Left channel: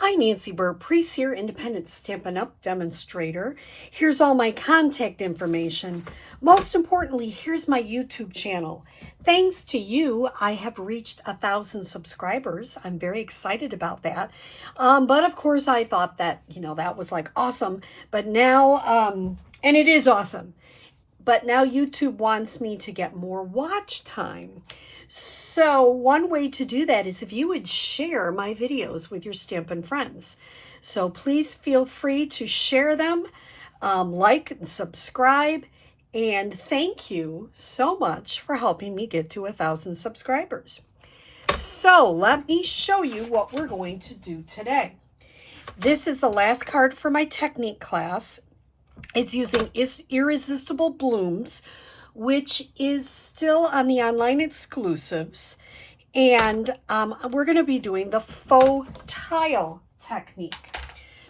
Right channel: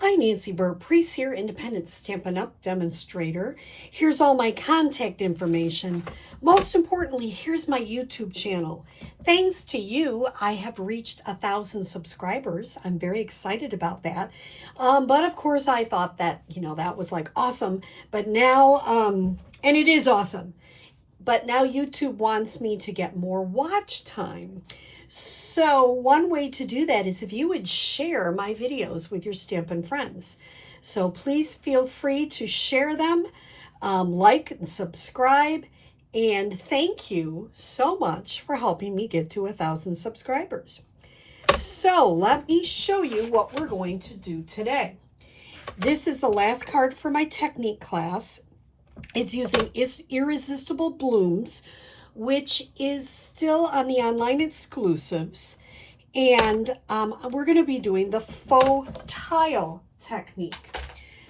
Hi, Nancy Burt-Preece here, independent Stampin' Up! Demonstrator. Here's all my contact information. Most importantly, here's my YouTube channel. Thanks to you, I have reached 1,000 subscribers. I'm very excited about that. But of course, I thought that, that was like awesome. But now, and it is awesome. But now YouTube wants me to get more watch time. So one way to do that is if you would share my videos with your Stampin' friends. So please feel free to share them, like and subscribe, and thank you so much for helping me get to 1,000 subscribers. So let me show you what we're going to do today. This is the last card for my technique class. It's using Irresistible Blooms, which is still on the online exclusives. And we're going to be doing the faux tile technique.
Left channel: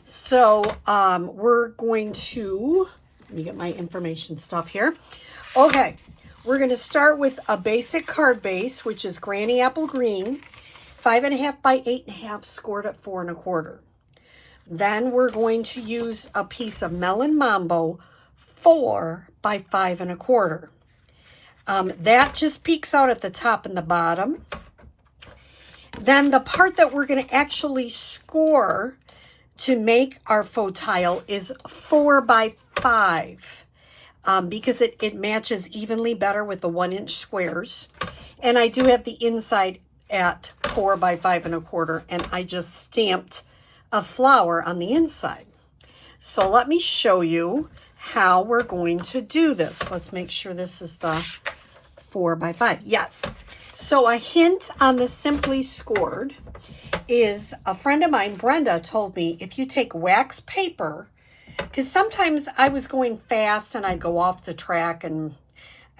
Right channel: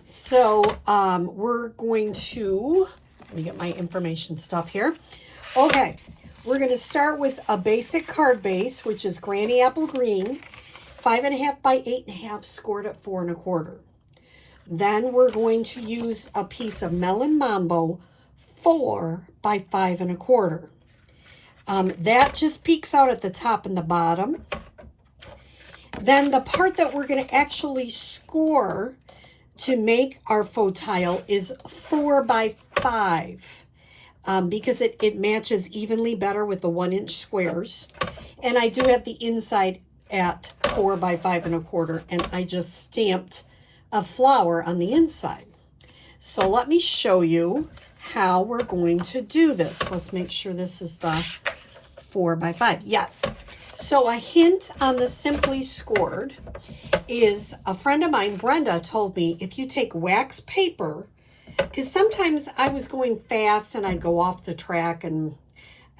So we're going to, let me get my information stuff here. Okay, we're going to start with a basic card base, which is Granny Apple Green, 5.5 by 8.5, scored at 4 1/4. Then we're going to use a piece of Melon Mambo, 4 by 5 1/4. That just peeks out at the top and the bottom. Then the part that we're going to actually score to make our faux tile is 4 by 5 because it matches evenly better with the 1-inch squares. And I do have the inside at 4 by 5 1/4, and I just stamped a flower on the inside. So let me show you how we're going to do this. Let's make sure this is the 4 by 5. Yes. So a hint on the Simply Scored is a friend of mine, Brenda, told me if you take wax paper, because sometimes I was going fast and I'd go off the track and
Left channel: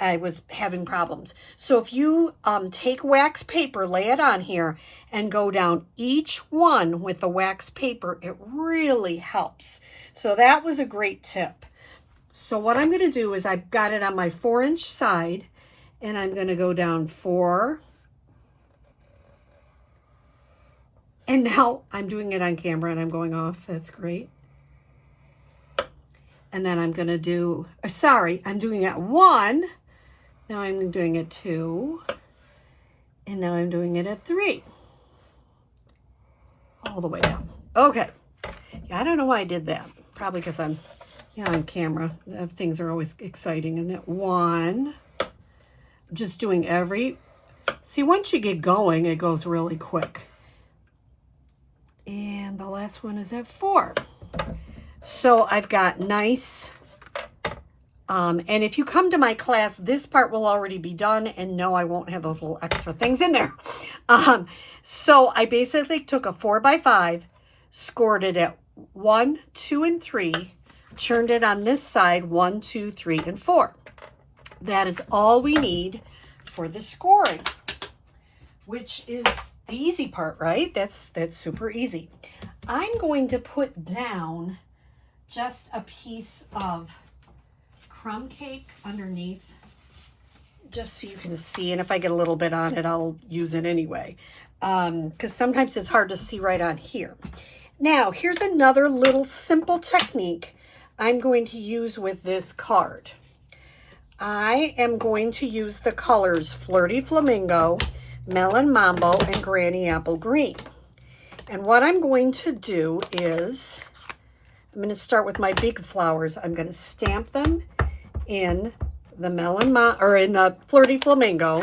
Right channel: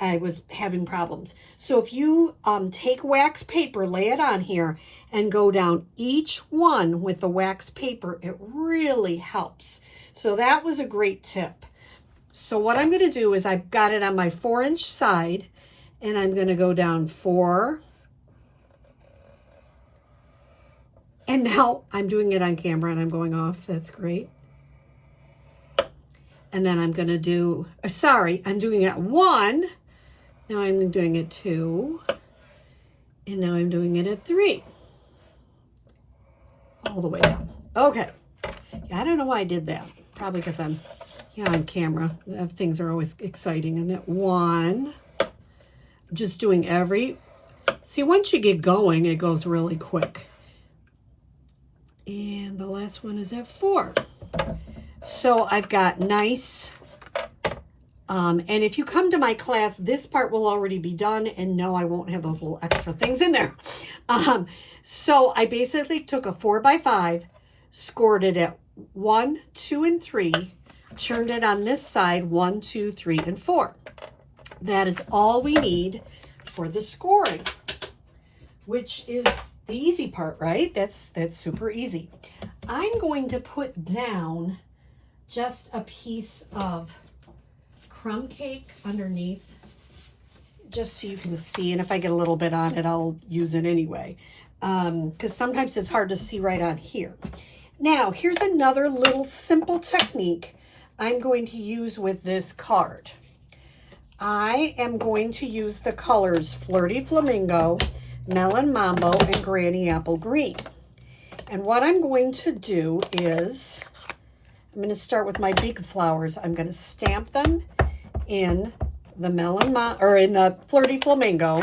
I was having problems. So if you take wax paper, lay it on here, and go down each one with the wax paper, it really helps. So that was a great tip. So what I'm going to do is I've got it on my 4-inch side, and I'm going to go down 4. And now I'm doing it on camera and I'm going off. That's great. And then I'm going to do, I'm doing it 1. Now I'm doing it 2. And now I'm doing it at 3. All the way down. Okay. I don't know why I did that. Probably because I'm, on camera. Things are always exciting. And at 1, I'm just doing see, once you get going, it goes really quick. And the last one is at 4. So I've got nice, and if you come to my class, this part will already be done, and no, I won't have those little extra things in there. So I basically took a 4 by 5, scored it at 1, 2, and 3, turned it on this side, 1, 2, 3, and 4. That is all we need for the scoring, which is the easy part, right? That's super easy. I'm going to put down just a piece of crumb cake underneath, just so you can see. And if I get a little bit on it, I'll use it anyway, because sometimes it's hard to see right on here. Now, here's another little simple technique I'm going to use with this card. I am going to use the colors Flirty Flamingo, Melon Mambo, and Granny Apple Green. And what I'm going to do is, I'm going to start with my big flowers. I'm going to stamp them in the in the Flirty Flamingo.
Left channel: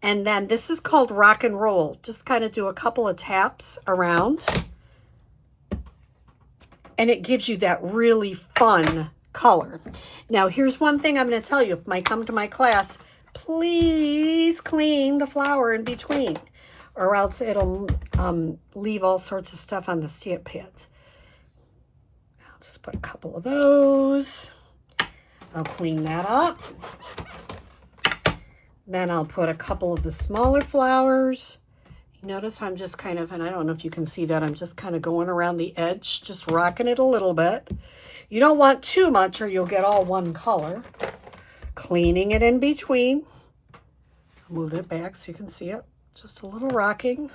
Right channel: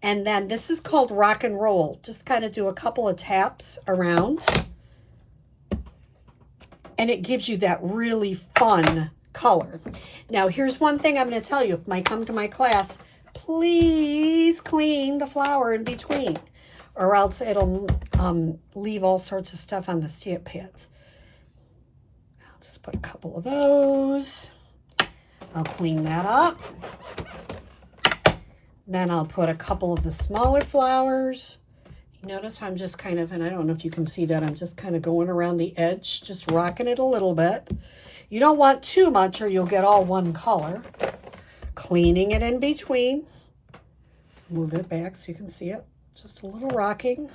And then this is called Rock and Roll. Just kind of do a couple of taps around. And it gives you that really fun color. Now, here's one thing I'm going to tell you. If you come to my class, please clean the flower in between, or else it'll leave all sorts of stuff on the stamp pads. I'll just put a couple of those. I'll clean that up. Then I'll put a couple of the smaller flowers. Notice I'm just kind of, and I don't know if you can see that, I'm just kind of going around the edge, just rocking it a little bit. You don't want too much or you'll get all one color. Cleaning it in between. Move it back so you can see it. Just a little rocking.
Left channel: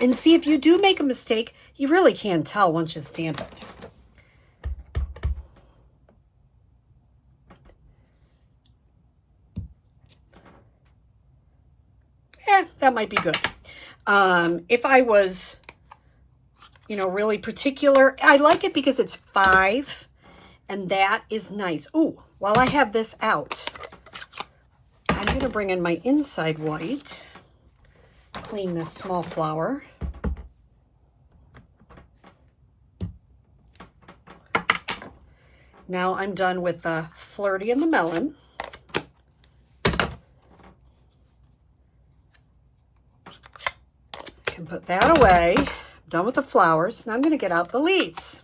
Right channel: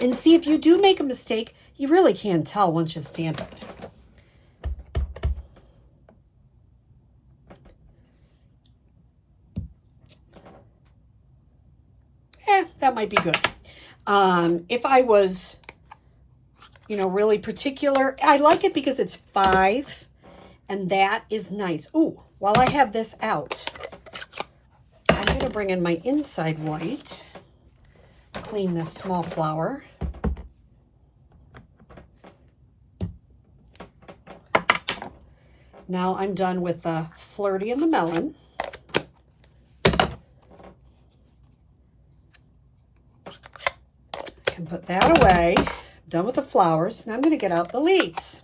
And see, if you do make a mistake, you really can't tell once you stamp it. That might be good. If I was, you know, really particular, I like it because it's 5, and that is nice. Ooh, while I have this out, I'm going to bring in my inside white, clean this small flower. Now I'm done with the Flirty and the melon. And put that away. Done with the flowers. Now I'm going to get out the leaves.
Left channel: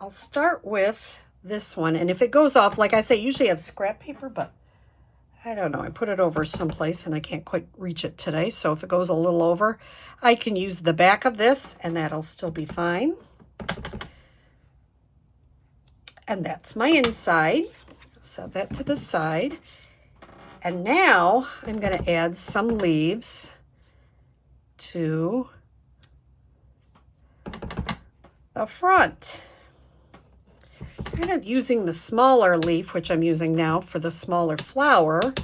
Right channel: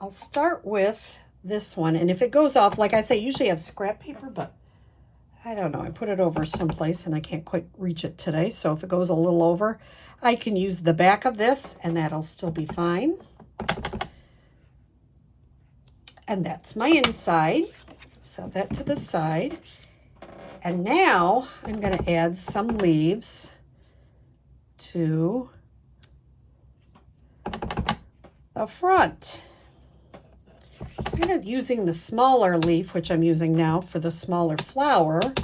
I'll start with this one. And if it goes off, like I say, usually I have scrap paper, but I don't know. I put it over someplace and I can't quite reach it today. So if it goes a little over, I can use the back of this and that'll still be fine. And that's my inside. Set that to the side. And now I'm going to add some leaves to the front. I'm going to using the smaller leaf, which I'm using now for the smaller flower.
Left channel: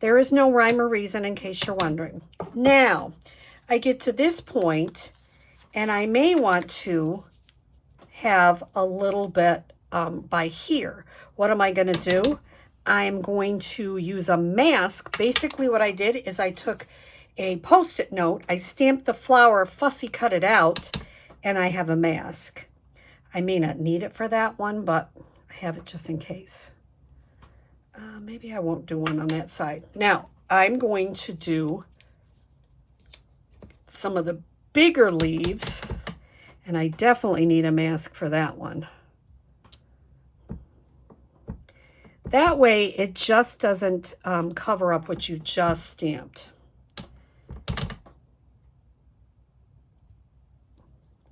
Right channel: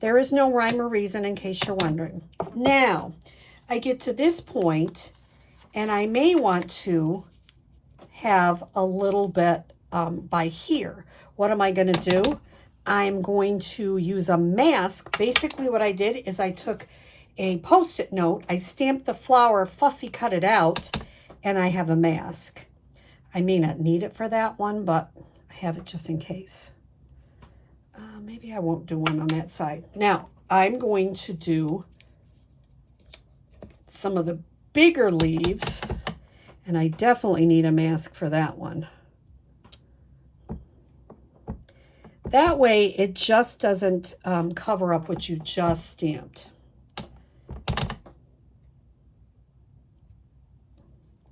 There is no rhyme or reason in case you're wondering. Now, I get to this point, and I may want to have a little bit by here. What am I going to do? I'm going to use a mask. Basically what I did is I took a Post-it note, I stamped the flower, fussy cut it out, and I have a mask. I may not need it for that one, but I have it just in case. Maybe I won't do one on that side. Now, I'm going to do some of the bigger leaves, and I definitely need a mask for that one. That way, it just doesn't cover up what you just stamped.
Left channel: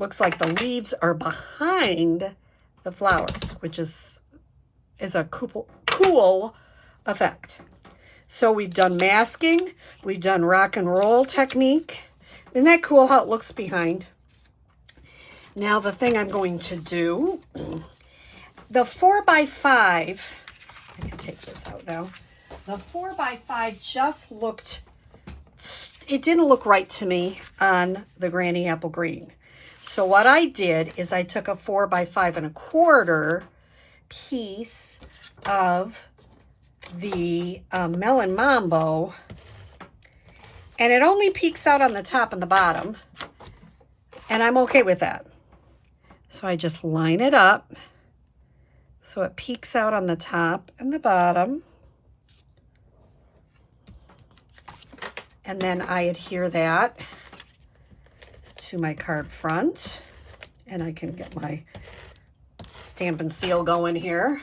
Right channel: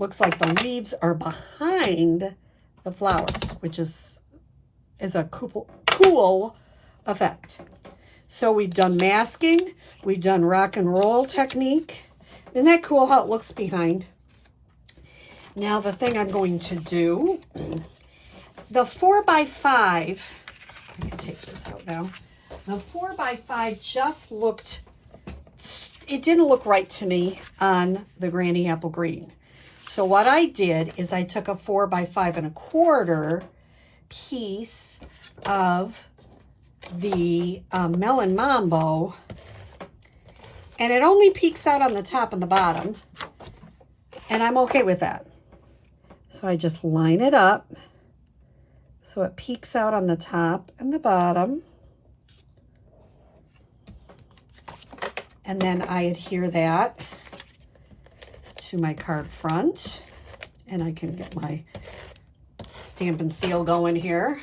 Looks like the leaves are behind the flowers, which is a cool effect. So we've done masking, we've done rock and roll technique. Isn't that cool how it looks behind? Now the thing I'm going to do, the 4x5, let me take this out now. The 4x5 just looked, it didn't look right to me on the Granny Apple Green. So what I did is I took a 4x5 1/4 piece of the Melon Mambo, and it only peeks out on the top and the bottom, and I'm okay with that. So I just line it up so it peeks out on the top and the bottom, and then I adhere that to my card front, and I can get my stamp and seal going here.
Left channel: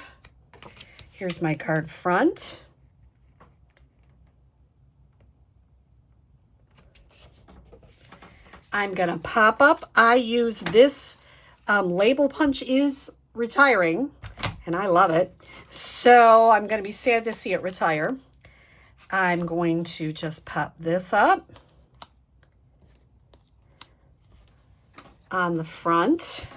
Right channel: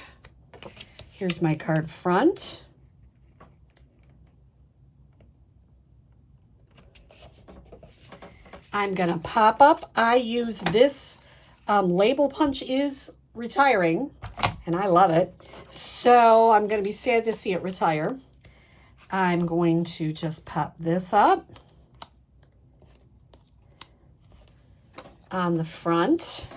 Here's my card front. I'm gonna pop up. I use this label punch is retiring, and I love it. So I'm gonna be sad to see it retire. I'm going to just pop this up on the front.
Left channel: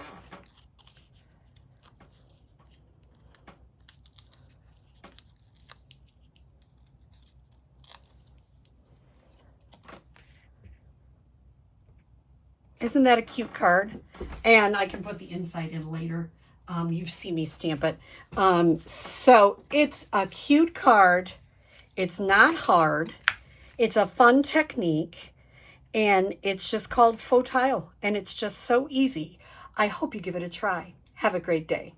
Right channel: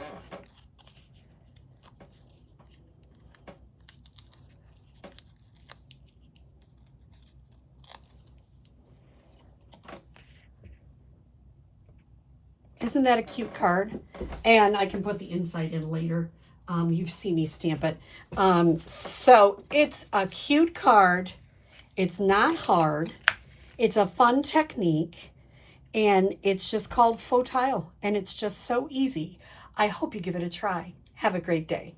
Isn't that a cute card? And I can put the inside in later. You've seen me stamp it. So it's a cute card. It's not hard. It's a fun technique. And it's just called Faux Tile. And it's just so easy. I hope you give it a try. Have a great day.